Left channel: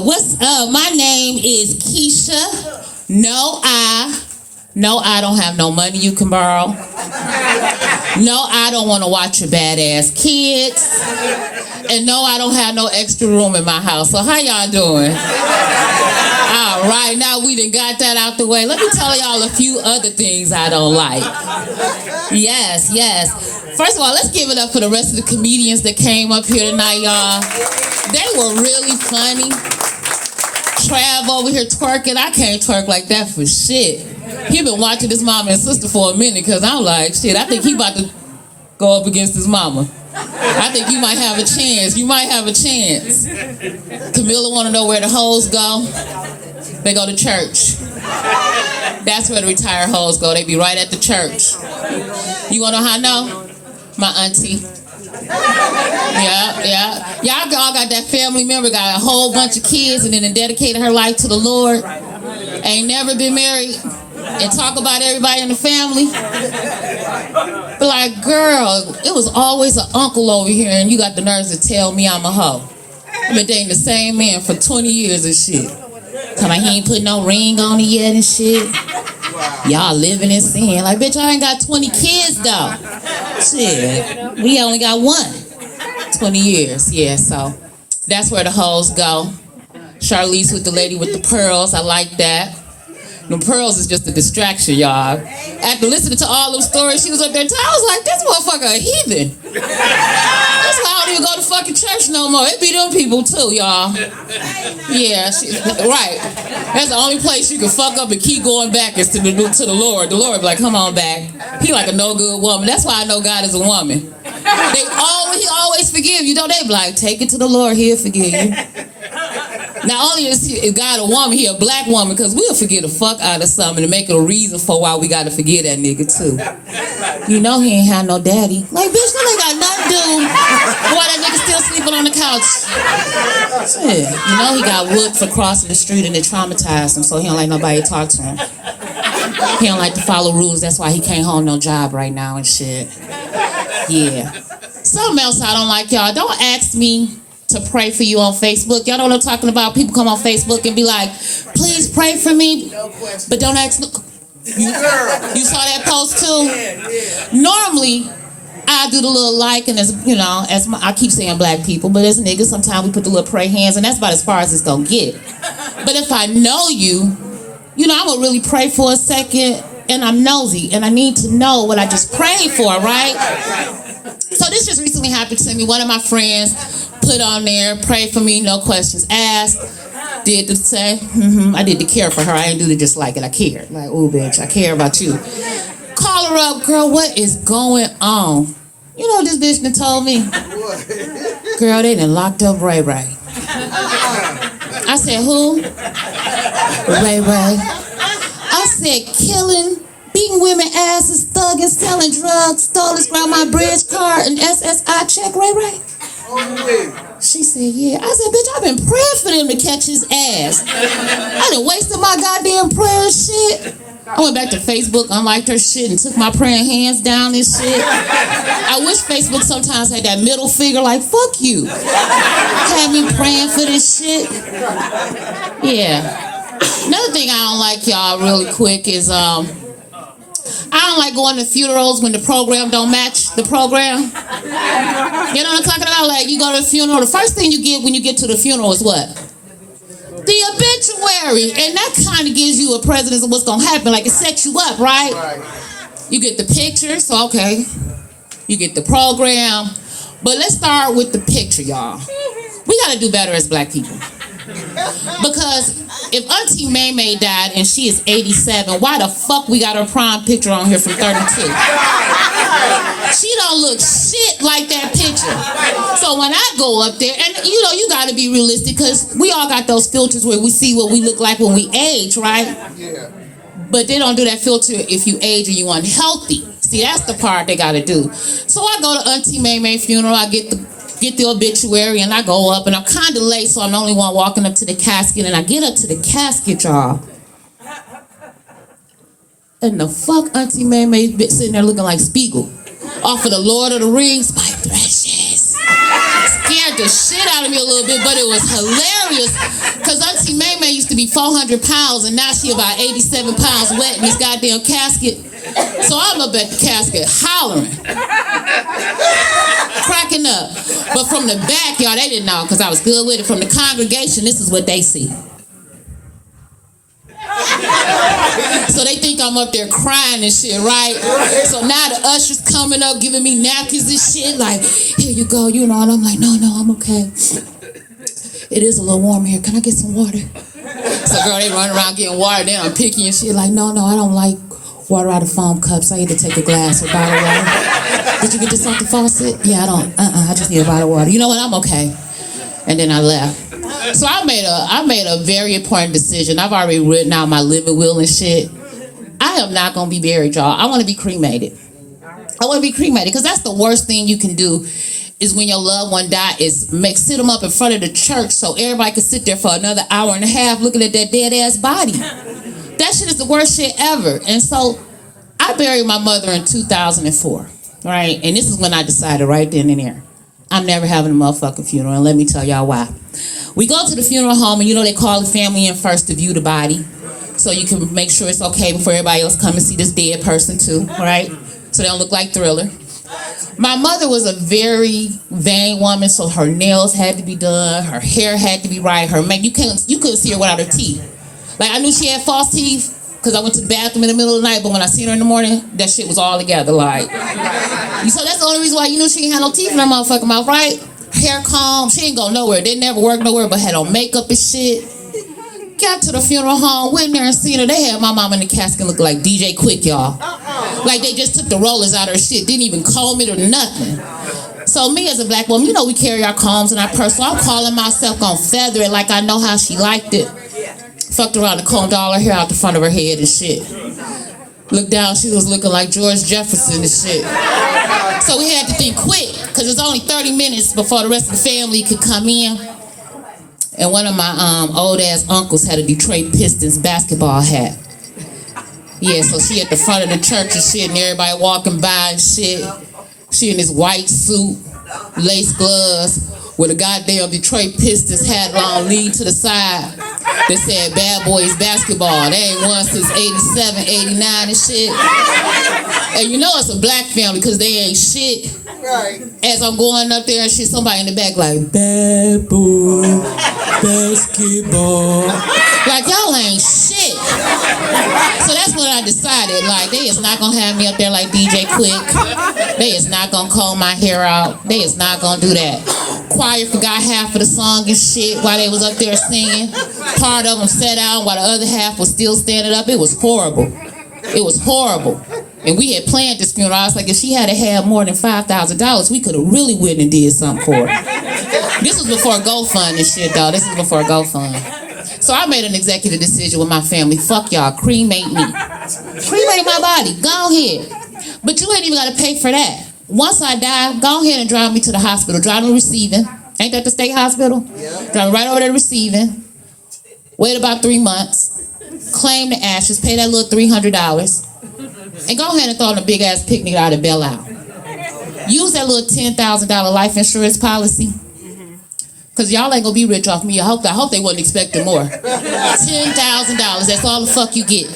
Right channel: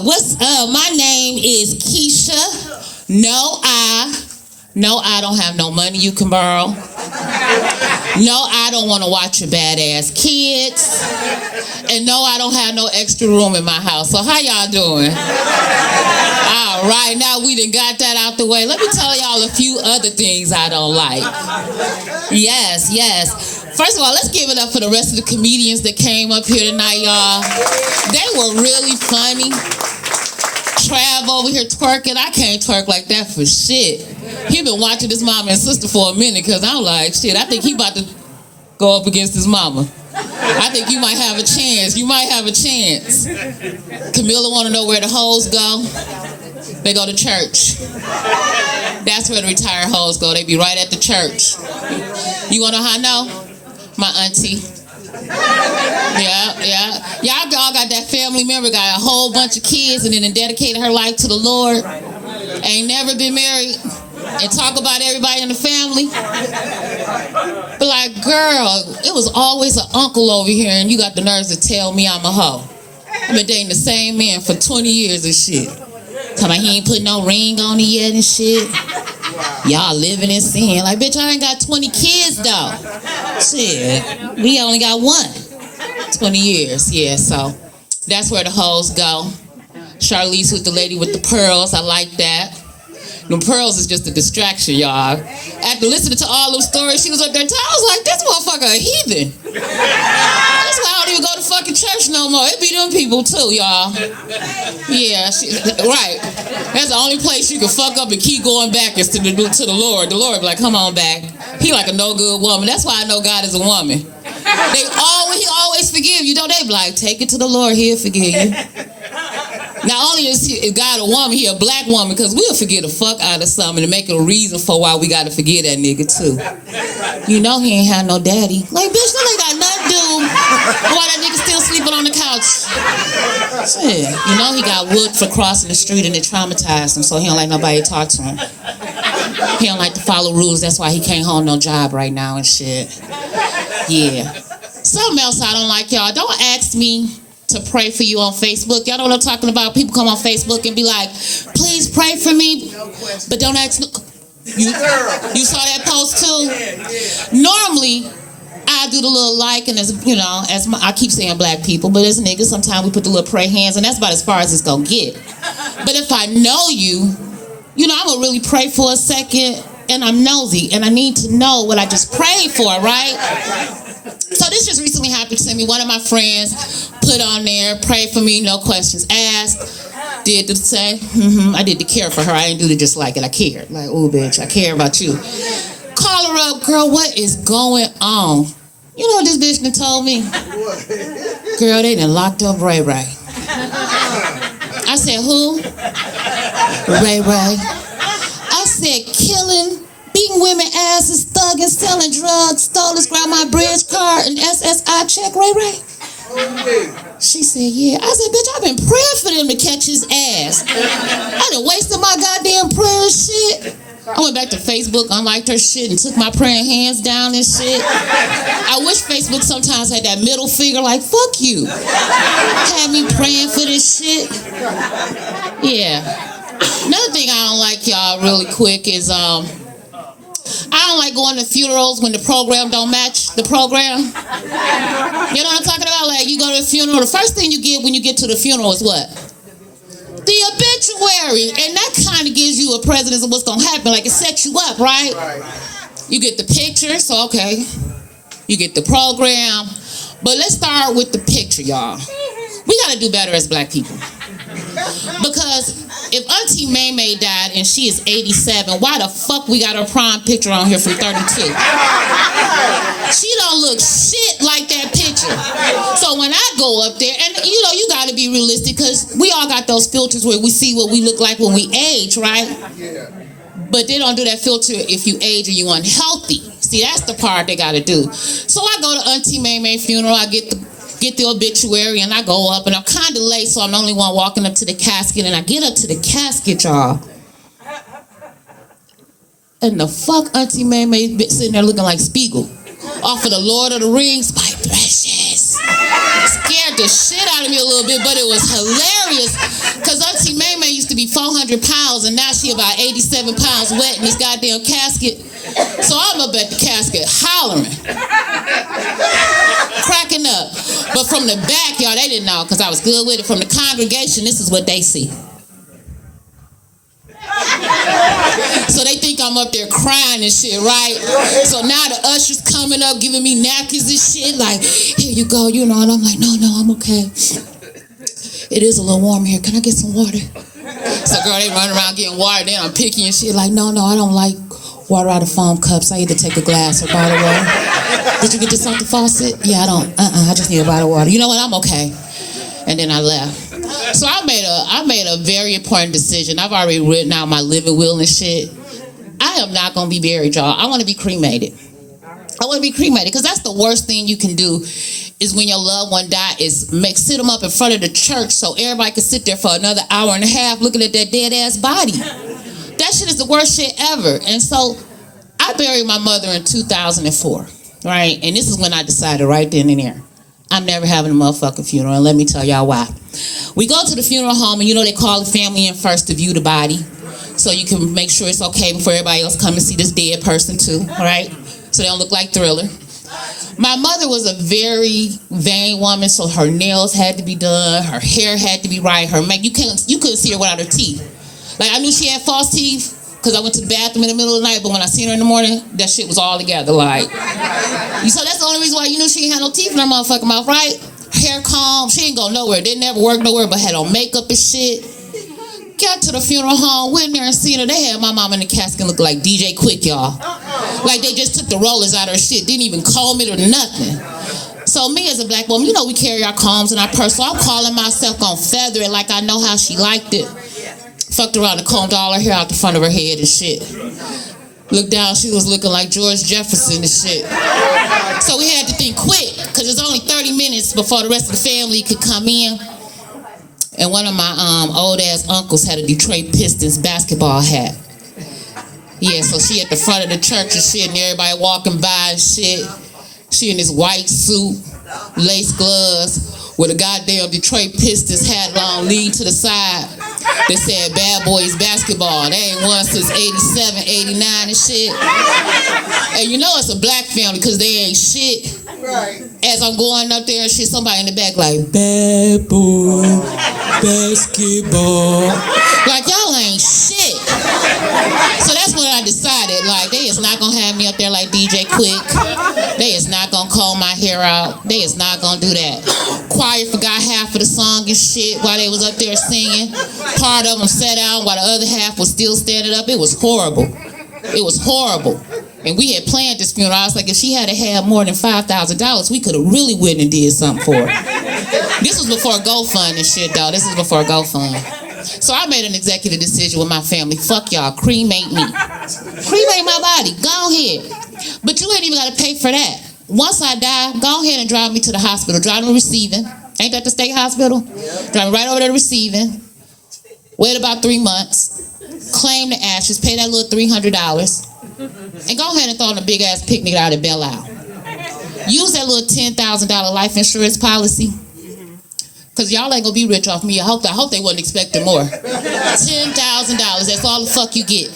What's up? My name is Kesha No I. No, I don't have no money you can borrow. No, I don't want to watch your badass kids. And no, I don't have no extra room in my house. So how y'all doing? All right, now we done got that out the way. Let me tell y'all a few other things I don't like. Yes. First of all, let's give it up for the rest of the comedians that came up here tonight, y'all. They were really funny. Trav over here twerking. I can't twerk like that for shit. He been watching his mama and sister for a minute because I'm like, shit, I think he about to go up against his mama. I think you might have a chance. You might have a chance. Camilla want to know where the hoes go. They go to church. That's where the retired hoes go. They be right at the church. You want to know how I know? My auntie. Yeah. Y'all all got that family member, got a whole bunch of kids and then dedicated her life to the Lord. Ain't never been married. And talk about everybody in the family. But like, girl, it was always an uncle over here and you got the nerves to tell me I'm a hoe. I've been dating the same man for 20 years and shit. Tell me he ain't put no ring on it yet and shit. Y'all living in sin. Like, bitch, I ain't got 20 kids though. Shit, we only got one. 20 years, yeah, so that's where the hoes go. Charlize with the lady with the pearls, I like that. The pearls is just a distraction, y'all. After listening to all those stories, she was up there, I was like, this motherfucker a heathen. That's why I don't even go to fucking church no more. It be them people too, y'all. Yeah, right. That's the only place you can fuck up and keep going back is to the Lord. The Lord be like, come on back. He like a no good woman. That's why I know God is a woman. He always forgive you. Don't they be like, take it to the Lord, he'll forgive you. Not only is God a woman, he a black woman, because we'll forget the fuck out of something and make it a reason for why we gotta forget that nigga too. You know he ain't had no daddy. Like, bitch, that ain't got nothing to do. Boy, that nigga still sleeping on the couch. Shit. You know he got whooped for crossing the street and it traumatized him, so he don't like nobody to talk to him. He don't like to follow rules, that's why he can't hold no job right now and shit. Yeah. Something else I don't like, y'all. Don't ask me to pray for you on Facebook. Y'all know what I'm talking about? People come on Facebook and be like, please pray for me, but don't ask me. You saw that post too? Normally, I do the little like, and as I keep saying black people, but as niggas, sometimes we put the little pray hands, and that's about as far as it's gonna get. But if I know you, I'm gonna really pray for a second, and I'm nosy, and I need to know what I just prayed for, right? So this just recently happened to me. One of my friends put on there, pray for me, no questions asked. Did the say, I did the care for her. I didn't do the just like it. I cared. Like, oh, bitch, I care about you. Call her up, girl, what is going on? You know what this bitch done told me? Girl, they done locked up Ray Ray. I said, who? Ray Ray. I said, killing, beating women asses, thugging, selling drugs, stole his grandma bridge card and SSI check, Ray Ray. She said, yeah. I said, bitch, I've been praying for them to catch his ass. I done wasted my goddamn prayer and shit. I went back to Facebook, unliked her shit, and took my praying hands down and shit. I wish Facebook sometimes had that middle finger, like, fuck you. Had me praying for this shit. Yeah. Another thing I don't like, y'all, really quick is, I don't like going to funerals when the program don't match the program. You know what I'm talking about? Like, you go to a funeral, the first thing you get when you get to the funeral is what? The obituary. And that kind of gives you a presence of what's going to happen. Like, it sets you up, right? You get the picture, so okay. You get the program. But let's start with the picture, y'all. We got to do better as black people. Because if Auntie May May died and she is 87, why the fuck we got her prime picture on here from 32? She don't look shit like that picture. So when I go up there, and you got to be realistic, because we all got those filters where we see what we look like when we age, right? Yeah. But they don't do that filter if you age or you unhealthy. See, that's the part they got to do. So I go to Auntie May May funeral, I get the obituary, and I go up, and I'm kind of late, so I'm the only one walking up to the casket, and I get up to the casket, y'all. And the fuck Auntie May May sitting there looking like Spiegel off of the Lord of the Rings, my precious. Scared scared the shit out of me a little bit, but it was hilarious. Because Auntie May May used to be 400 pounds, and now she about 87 pounds wet in this goddamn casket. So I'm up at the casket hollering, cracking up. But from the back, y'all, they didn't know because I was good with it. From the congregation, this is what they see. So they think I'm up there crying and shit, right? So now the usher's coming up, giving me napkins and shit, like, here you go, you know, and I'm like, no, I'm okay. It is a little warm here. Can I get some water? So girl, they run around getting water, then I'm picky and shit, like, no, I don't like water out of foam cups. I either take a glass or bottle water. Did you get this off the faucet? Yeah, I don't. I just need a bottle of water. You know what? I'm okay. And then I left. So I made a very important decision. I've already written out my living will and shit. I am not gonna be buried, y'all. I want to be cremated. I want to be cremated because that's the worst thing you can do. Is when your loved one die, is sit them up in front of the church so everybody can sit there for another hour and a half looking at that dead ass body. That shit is the worst shit ever. And so I buried my mother in 2004, right? And this is when I decided right then and there, I'm never having a motherfucking funeral, and let me tell y'all why. We go to the funeral home, and you know they call the family in first to view the body, so you can make sure it's okay before everybody else come and see this dead person too, right? So they don't look like Thriller. My mother was a very vain woman, so her nails had to be done, her hair had to be right, her makeup, you couldn't see her without her teeth. Like I knew she had false teeth because I went to the bathroom in the middle of the night, but when I seen her in the morning, that shit was all together, like. So that's the only reason why you knew she ain't had no teeth in her motherfucking mouth, right? Hair comb, she ain't go nowhere. Didn't ever work nowhere, but had on makeup and shit. Got to the funeral home, went there and seen her. They had my mom in the casket look like DJ Quick, y'all. Like they just took the rollers out of her shit, didn't even comb it or nothing. So me as a black woman, you know we carry our combs in our purse, so I'm calling myself gonna feather it like I know how she liked it. Fucked around and combed all her hair out the front of her head and shit. Looked down, she was looking like George Jefferson and shit. So we had to think quick, because it's only 30 minutes before the rest of the family could come in. And one of my old ass uncles had a Detroit Pistons basketball hat. Yeah, so she at the front of the church and shit, and everybody walking by and shit. She in this white suit, lace gloves, with a goddamn Detroit Pistons hat on, lean to the side. They said Bad Boys Basketball. They ain't won since 87, 89 and shit. And you know it's a black family because they ain't shit. Right. As I'm going up there and shit, somebody in the back like, Bad Boy Basketball. Like, y'all ain't shit. So that's when I decided, like, they is not gonna have me up there like DJ Quick. They is not gonna comb my hair out. They is not gonna do that. Choir forgot half of the song and shit while they was up there singing. Part of them sat down while the other half was still standing up. It was horrible. It was horrible. And we had planned this funeral. I was like, if she had had more than $5,000, we could have really went and did something for her. This was before GoFund and shit, though. This was before GoFund. So I made an executive decision with my family. Fuck y'all, cremate me. Cremate my body, go ahead. But you ain't even gotta pay for that. Once I die, go ahead and drive me to the hospital. Drive me to receiving. Ain't that the state hospital? Yeah. Drive me right over there to receiving. Wait about 3 months. Claim the ashes, pay that little $300. And go ahead and throw in a big ass picnic out at Belle Isle. Use that little $10,000 life insurance policy. Cause y'all ain't gonna be rich off me. I hope they wasn't expecting more. $10,000, that's all the fuck you get.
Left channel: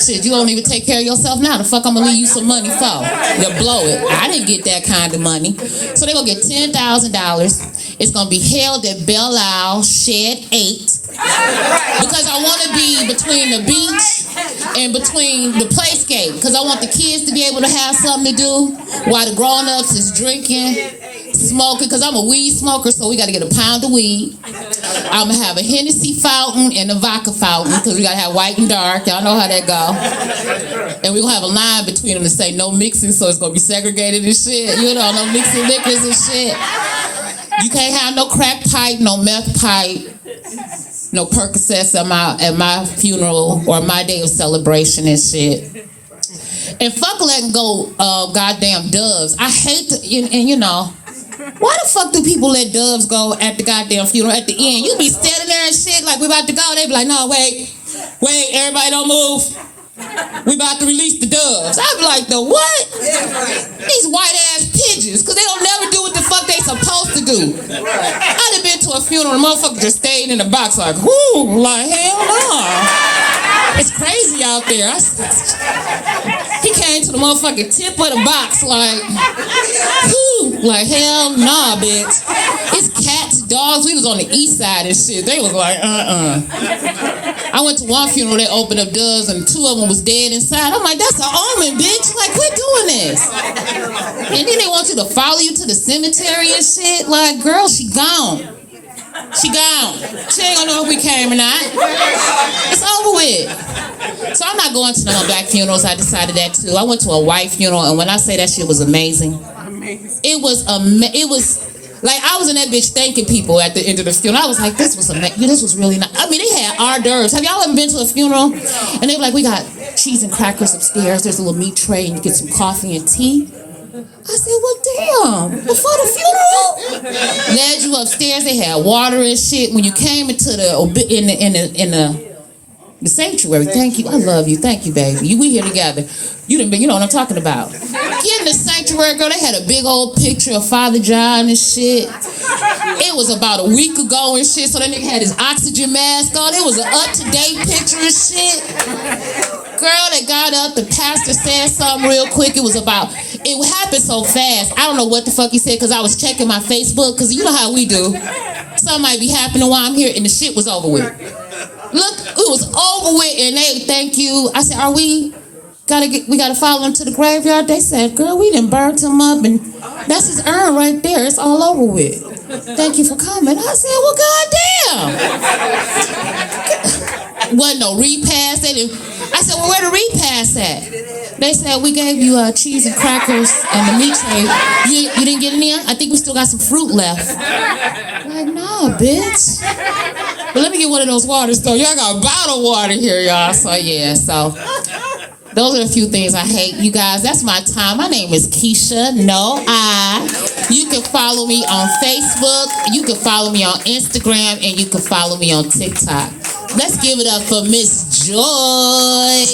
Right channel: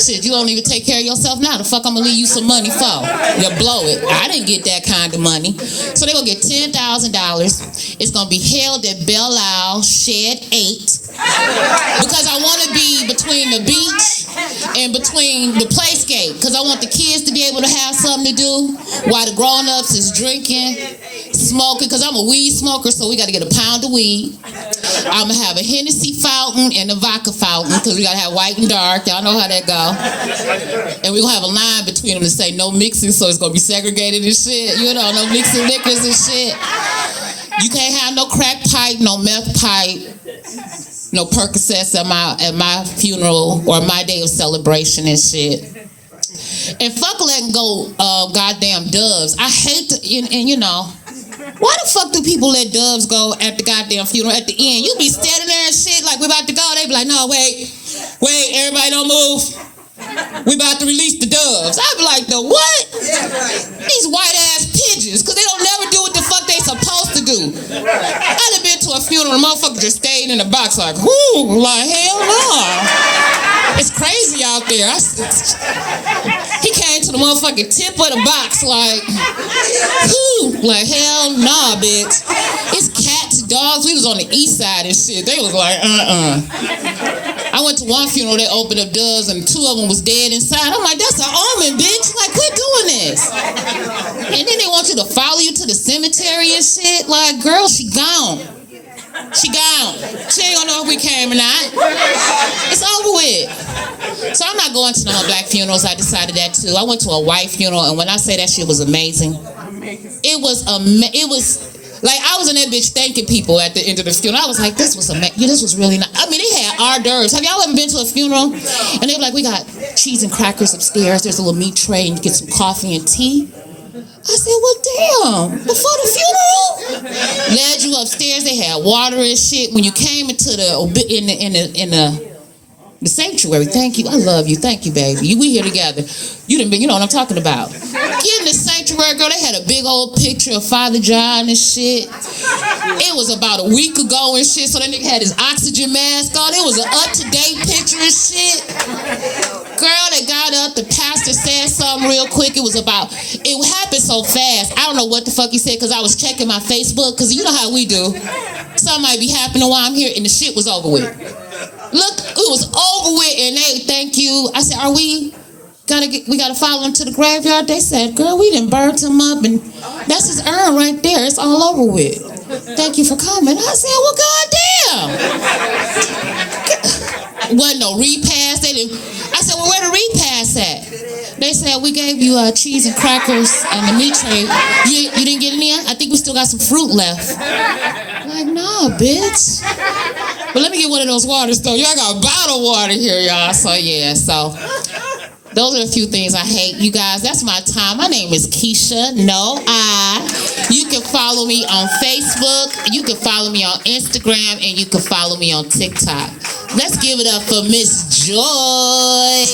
Shit, you don't even take care of yourself now. The fuck I'm gonna leave you some money for? You blow it. I didn't get that kind of money. So they gonna get $10,000. It's gonna be held at Belle Isle, Shed 8. Because I wanna be between the beach and between the playscape. Cause I want the kids to be able to have something to do while the grown-ups is drinking, smoking, because I'm a weed smoker, so we got to get a pound of weed. I'm going to have a Hennessy fountain and a vodka fountain, because we got to have white and dark. Y'all know how that go. And we're going to have a line between them to say no mixing, so it's going to be segregated and shit. You know, no mixing liquors and shit. You can't have no crack pipe, no meth pipe, no Percocets at my funeral or my day of celebration and shit. And fuck letting go goddamn doves. I hate to, and you know, why the fuck do people let doves go at the goddamn funeral at the end? You be standing there and shit like we about to go. They be like, no, wait, everybody don't move. We about to release the doves. I be like, the what? These white ass pigeons, because they don't never do what the fuck they supposed to do. do. I done been to a funeral, the motherfucker just stayed in the box like, whoo, like, hell no. It's crazy out there. He came to the motherfucking tip of the box like, whoo, like, hell nah, bitch. It's cats, dogs. We was on the east side and shit. They was like, I went to one funeral that opened up doors and 2 of them was dead inside. I'm like, that's an omen, bitch. Like, quit doing this. And then they want you to follow you to the cemetery and shit. Like, girl, she gone. She gone. She ain't gonna know if we came or not. It's over with. So I'm not going to no black funerals. I decided that too. I went to a white funeral, and when I say that shit was amazing, it was like I was in that bitch thanking people at the end of the funeral. I was like, this was amazing. This was really nice. I mean, they had hors d'oeuvres. Have y'all ever been to a funeral? And they were like, we got cheese and crackers upstairs. There's a little meat tray, and you get some coffee and tea. I said, well, damn, before the funeral? Led you upstairs, they had water and shit. When you came into the sanctuary, thank you, I love you, thank you, baby. We here together. You know what I'm talking about. Get in the sanctuary, girl, they had a big old picture of Father John and shit. It was about a week ago and shit, so that nigga had his oxygen mask on. It was an up-to-date picture and shit. Girl that got up, the pastor said something real quick. It happened so fast. I don't know what the fuck he said because I was checking my Facebook because you know how we do. Something might be happening while I'm here and the shit was over with. Look, it was over with and they thank you. I said, we gotta follow him to the graveyard? They said, girl, we done burnt him up and that's his urn right there. It's all over with. Thank you for coming. I said, well, goddamn. Wasn't no repast. I said, well, where the repast at? They said, we gave you cheese and crackers and the meat tray. You didn't get any? I think we still got some fruit left. I'm like, no, bitch. But let me get one of those waters, though. Y'all got bottled water here, y'all. So, yeah, those are a few things I hate. You guys, that's my time. My name is Kesha No I. You can follow me on Facebook. You can follow me on Instagram. And you can follow me on TikTok. Let's give it up for Miss Joy.